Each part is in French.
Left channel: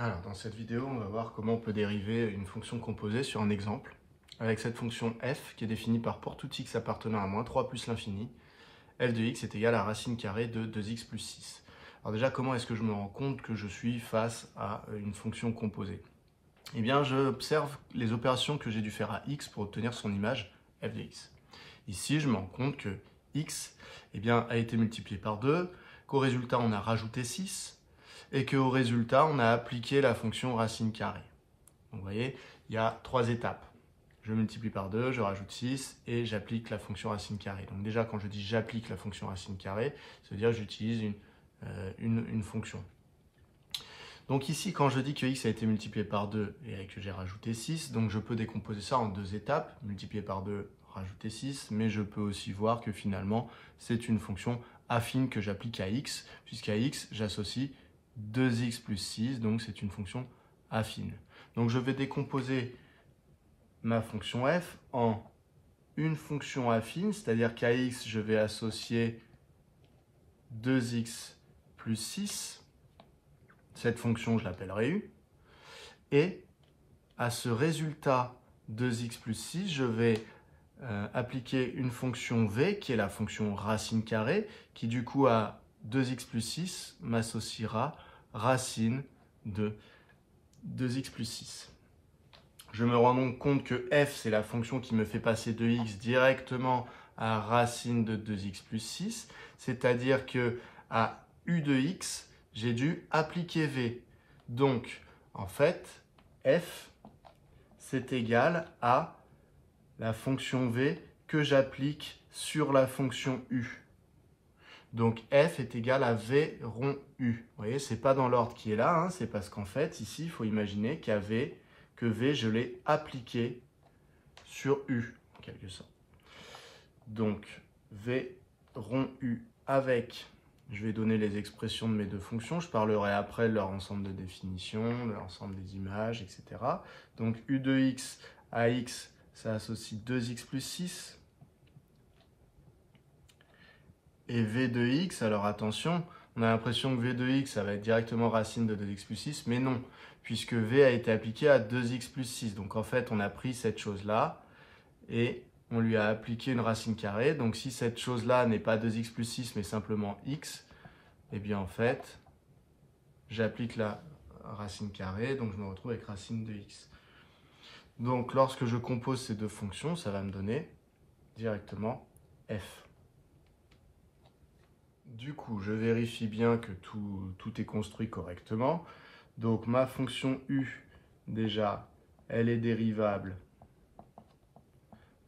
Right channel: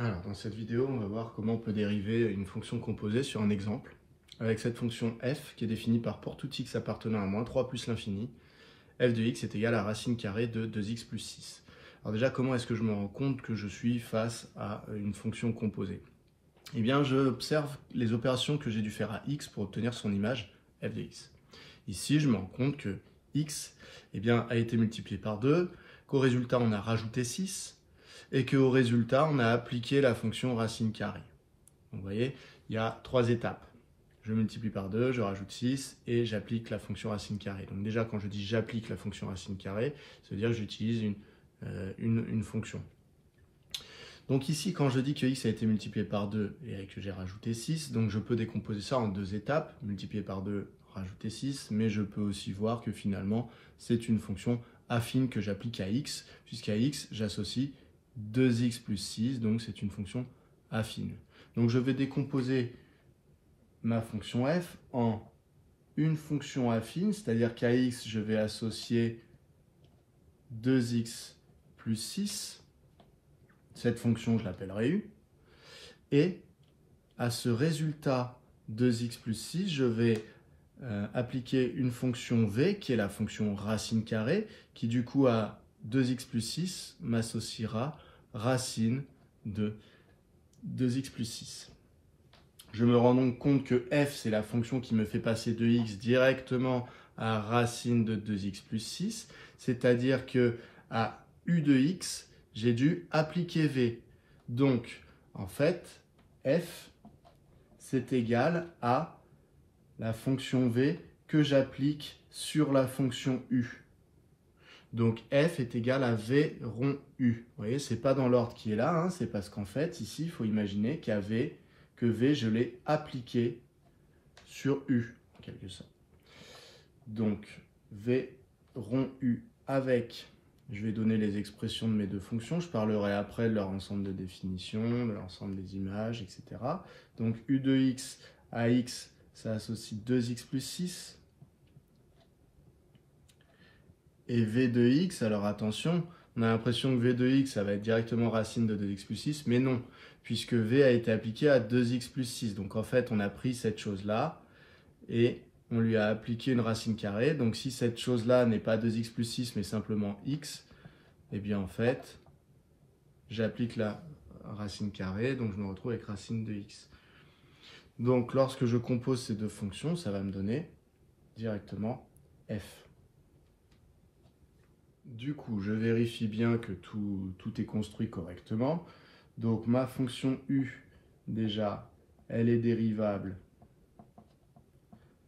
Alors, dans cette vidéo, on va voir comment on peut dériver une fonction composée sur un exemple, avec cette fonction f qui est définie par pour tout x appartenant à moins 3 plus l'infini, f de x est égal à racine carrée de 2x plus 6. Alors déjà, comment est-ce que je me rends compte que je suis face à une fonction composée? Eh bien, j'observe les opérations que j'ai dû faire à x pour obtenir son image f de x. Ici, je me rends compte que x a été multiplié par 2, qu'au résultat, on a rajouté 6, et qu'au résultat, on a appliqué la fonction racine carrée. Donc, vous voyez, il y a 3 étapes. Je multiplie par 2, je rajoute 6 et j'applique la fonction racine carrée. Donc déjà, quand je dis j'applique la fonction racine carrée, ça veut dire que j'utilise une fonction. Donc ici, quand je dis que x a été multiplié par 2 et que j'ai rajouté 6, donc je peux décomposer ça en 2 étapes, multiplier par 2, rajouter 6, mais je peux aussi voir que finalement, c'est une fonction affine que j'applique à x, puisqu'à x, j'associe 2x plus 6, donc c'est une fonction affine. Donc je vais décomposer ma fonction f en une fonction affine, c'est-à-dire qu'à x, je vais associer 2x plus 6, cette fonction, je l'appellerai u, et à ce résultat 2x plus 6, je vais appliquer une fonction v, qui est la fonction racine carrée, qui du coup à 2x plus 6 m'associera racine de 2x plus 6. Je me rends donc compte que f, c'est la fonction qui me fait passer de x directement à racine de 2x plus 6, c'est-à-dire que à u de x, j'ai dû appliquer v. Donc, en fait, f, c'est égal à la fonction v que j'applique sur la fonction u. Donc, f est égal à v rond u. Vous voyez, ce n'est pas dans l'ordre qui est là, hein, c'est parce qu'en fait, ici, il faut imaginer que v, je l'ai appliqué sur u, en quelque sorte. Donc, v rond u avec, je vais donner les expressions de mes deux fonctions, je parlerai après de leur ensemble de définitions, de l'ensemble des images, etc. Donc, u de x à x, ça associe 2x plus 6. Et v de x, alors attention, on a l'impression que v de x, ça va être directement racine de 2x plus 6, mais non, puisque v a été appliqué à 2x plus 6. Donc en fait, on a pris cette chose-là et on lui a appliqué une racine carrée. Donc si cette chose-là n'est pas 2x plus 6, mais simplement x, eh bien en fait, j'applique la racine carrée, donc je me retrouve avec racine de x. Donc lorsque je compose ces deux fonctions, ça va me donner directement f. Du coup, je vérifie bien que tout est construit correctement. Donc, ma fonction u, déjà, elle est dérivable.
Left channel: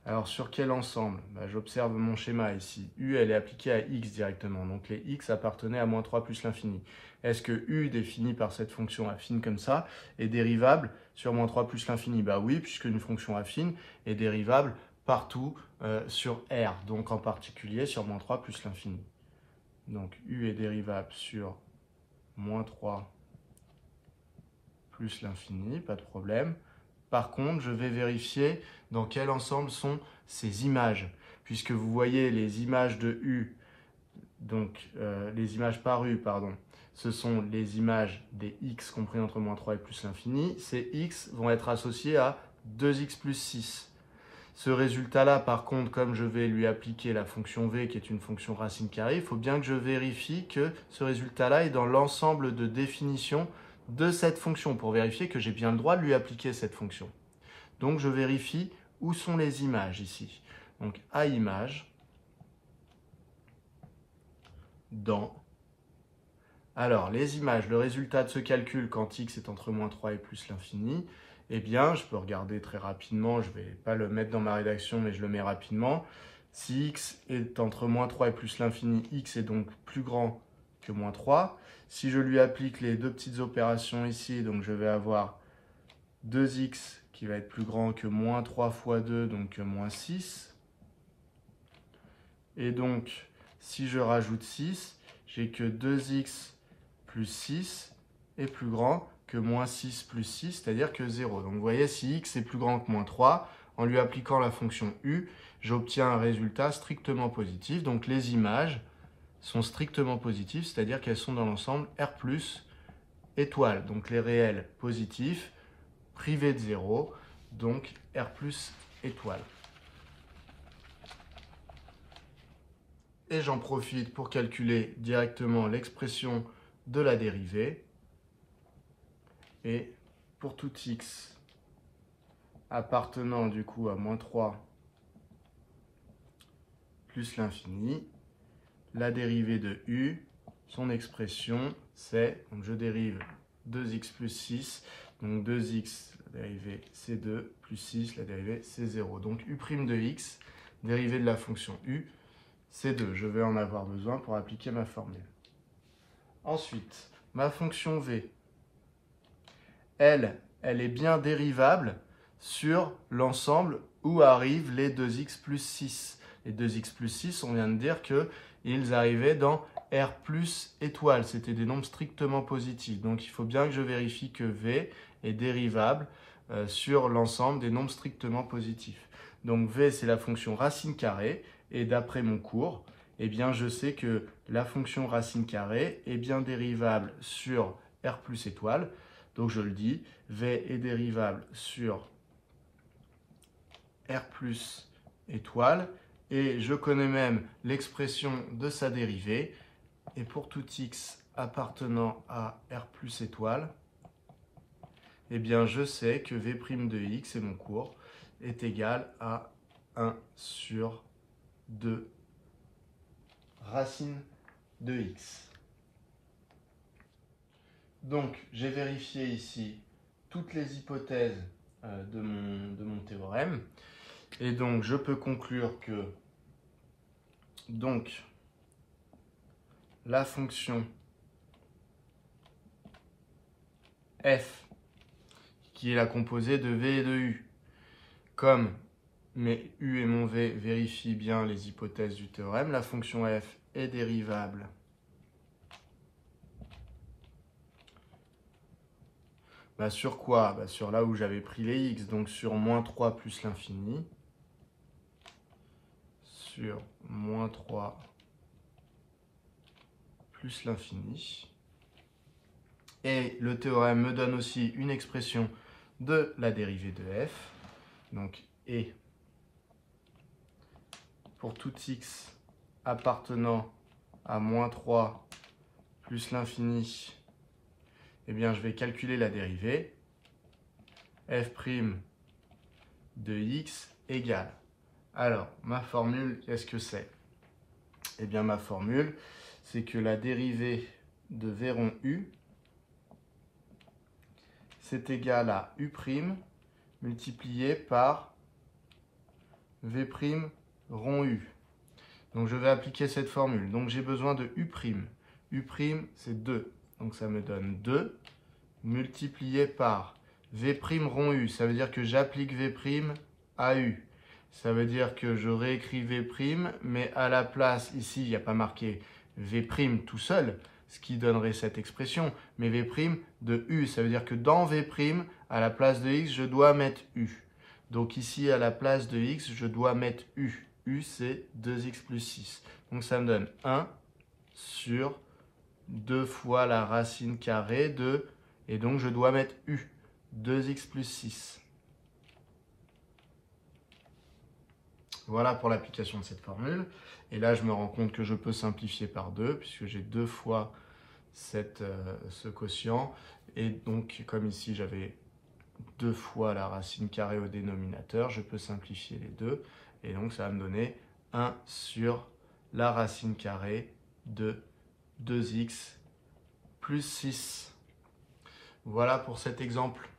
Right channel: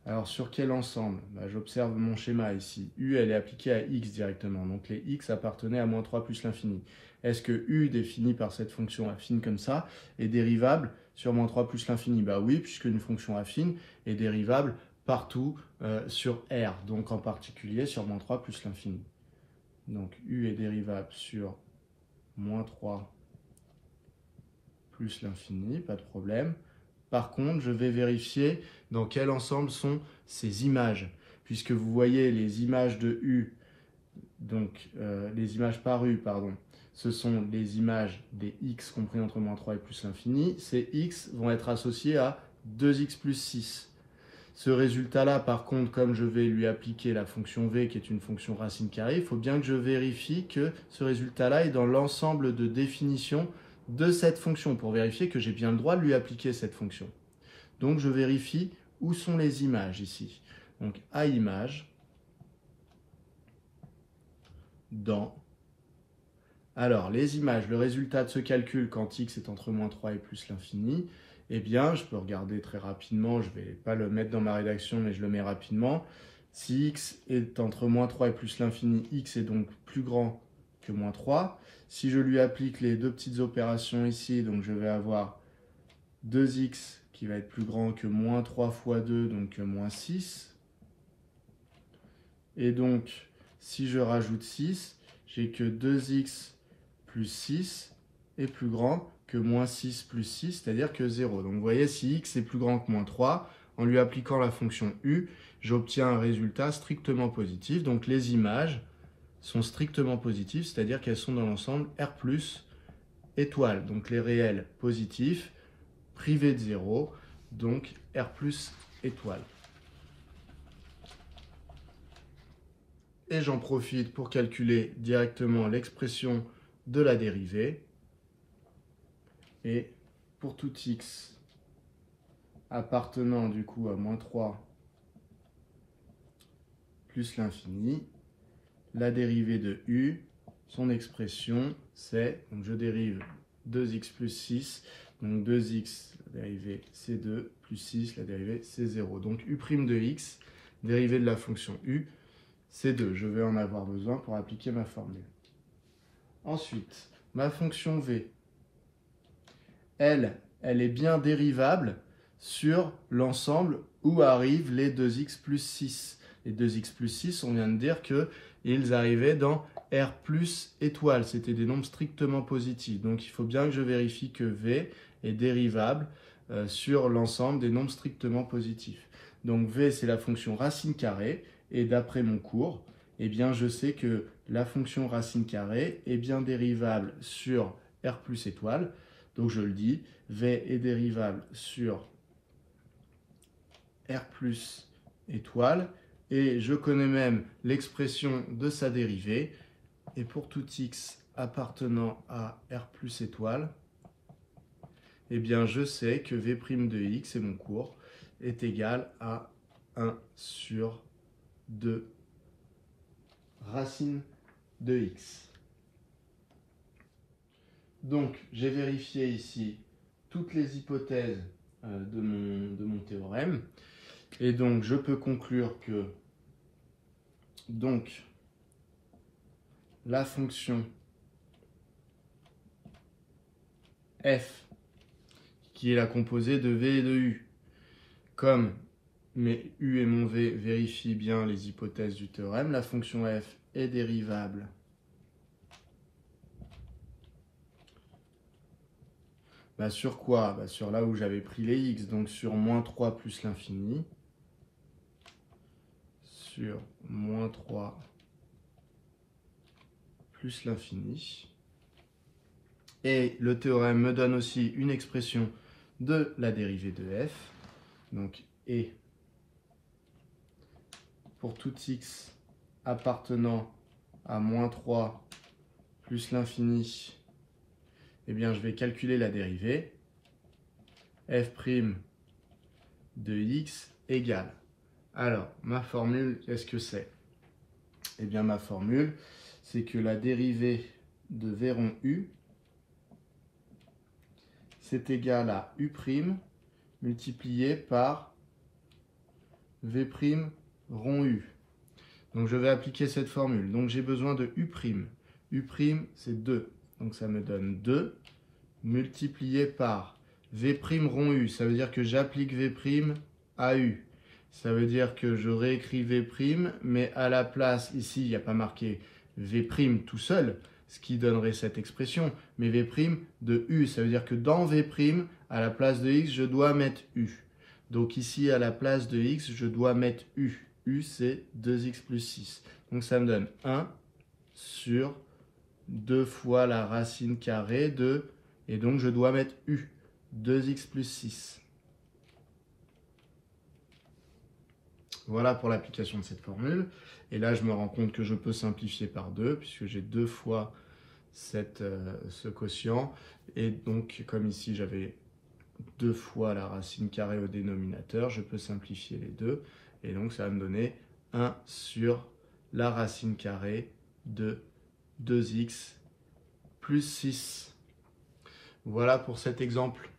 Alors, sur quel ensemble? J'observe mon schéma ici. U, elle est appliquée à x directement. Donc, les x appartenaient à moins 3 plus l'infini. Est-ce que u, défini par cette fonction affine comme ça, est dérivable sur moins 3 plus l'infini? Bah oui, puisque une fonction affine est dérivable partout sur R. Donc, en particulier sur moins 3 plus l'infini. Donc, u est dérivable sur moins 3 plus l'infini, pas de problème. Par contre, je vais vérifier dans quel ensemble sont ces images. Puisque vous voyez les images de u, donc les images par u, pardon, ce sont les images des x compris entre moins 3 et plus l'infini. Ces x vont être associés à 2x plus 6. Ce résultat-là, par contre, comme je vais lui appliquer la fonction v, qui est une fonction racine carrée, il faut bien que je vérifie que ce résultat-là est dans l'ensemble de définition de cette fonction, pour vérifier que j'ai bien le droit de lui appliquer cette fonction. Donc, je vérifie où sont les images ici. Donc, à image, dans. Alors, les images, le résultat de ce calcul quand x est entre moins 3 et plus l'infini, eh bien, je peux regarder très rapidement, je ne vais pas le mettre dans ma rédaction, mais je le mets rapidement. Si x est entre moins 3 et plus l'infini, x est donc plus grand que moins 3. Si je lui applique les deux petites opérations ici, donc je vais avoir 2x qui va être plus grand que moins 3 fois 2, donc moins 6. Et donc, si je rajoute 6, j'ai que 2x plus 6 est plus grand que moins 6 plus 6, c'est-à-dire que 0. Donc vous voyez, si x est plus grand que moins 3, en lui appliquant la fonction u, j'obtiens un résultat strictement positif. Donc les images sont strictement positives, c'est-à-dire qu'elles sont dans l'ensemble R+, étoile, donc les réels positifs, privés de 0, donc R plus étoile. Et j'en profite pour calculer directement l'expression de la dérivée. Et pour tout x appartenant du coup à moins 3 plus l'infini, la dérivée de u, son expression, c'est, donc je dérive 2x plus 6, donc 2x, la dérivée c'est 2, plus 6, la dérivée c'est 0. Donc u' de x, dérivée de la fonction u, c'est 2. Je vais en avoir besoin pour appliquer ma formule. Ensuite, ma fonction v, elle est bien dérivable sur l'ensemble où arrivent les 2x plus 6. Les 2x plus 6, on vient de dire qu'ils arrivaient dans R plus étoile. C'était des nombres strictement positifs. Donc, il faut bien que je vérifie que V est dérivable sur l'ensemble des nombres strictement positifs. Donc, V, c'est la fonction racine carrée. Et d'après mon cours, eh bien, je sais que la fonction racine carrée est bien dérivable sur R plus étoile. Donc, je le dis, V est dérivable sur R plus étoile. Et je connais même l'expression de sa dérivée. Et pour tout x appartenant à R plus étoile, eh bien je sais que V' de x, et mon cours, est égal à 1 sur 2 racine de x. Donc j'ai vérifié ici toutes les hypothèses de mon théorème. Et donc je peux conclure que donc la fonction f, qui est la composée de v et de u, comme mes u et mon v vérifient bien les hypothèses du théorème, la fonction f est dérivable sur quoi? Sur là où j'avais pris les x, donc sur moins 3 plus l'infini, sur moins 3 plus l'infini. Et le théorème me donne aussi une expression de la dérivée de f. Donc, et pour tout x appartenant à moins 3 plus l'infini, eh bien, je vais calculer la dérivée. F' de x égale. Alors, ma formule, qu'est-ce que c'est? Eh bien, ma formule, c'est que la dérivée de v rond u, c'est égal à u' multiplié par v' rond u. Donc, je vais appliquer cette formule. Donc, j'ai besoin de u'. U', c'est 2. Donc, ça me donne 2 multiplié par v' rond u. Ça veut dire que j'applique v' à u. Ça veut dire que je réécris v', mais à la place, ici, il n'y a pas marqué v' tout seul, ce qui donnerait cette expression, mais v' de u. Ça veut dire que dans v', à la place de x, je dois mettre u. Donc ici, à la place de x, je dois mettre u. U, c'est 2x plus 6. Donc ça me donne 1 sur 2 fois la racine carrée de, et donc je dois mettre u, 2x plus 6. Voilà pour l'application de cette formule. Et là, je me rends compte que je peux simplifier par 2, puisque j'ai 2 fois ce quotient. Et donc, comme ici, j'avais 2 fois la racine carrée au dénominateur, je peux simplifier les deux. Et donc, ça va me donner 1 sur la racine carrée de 2x plus 6. Voilà pour cet exemple.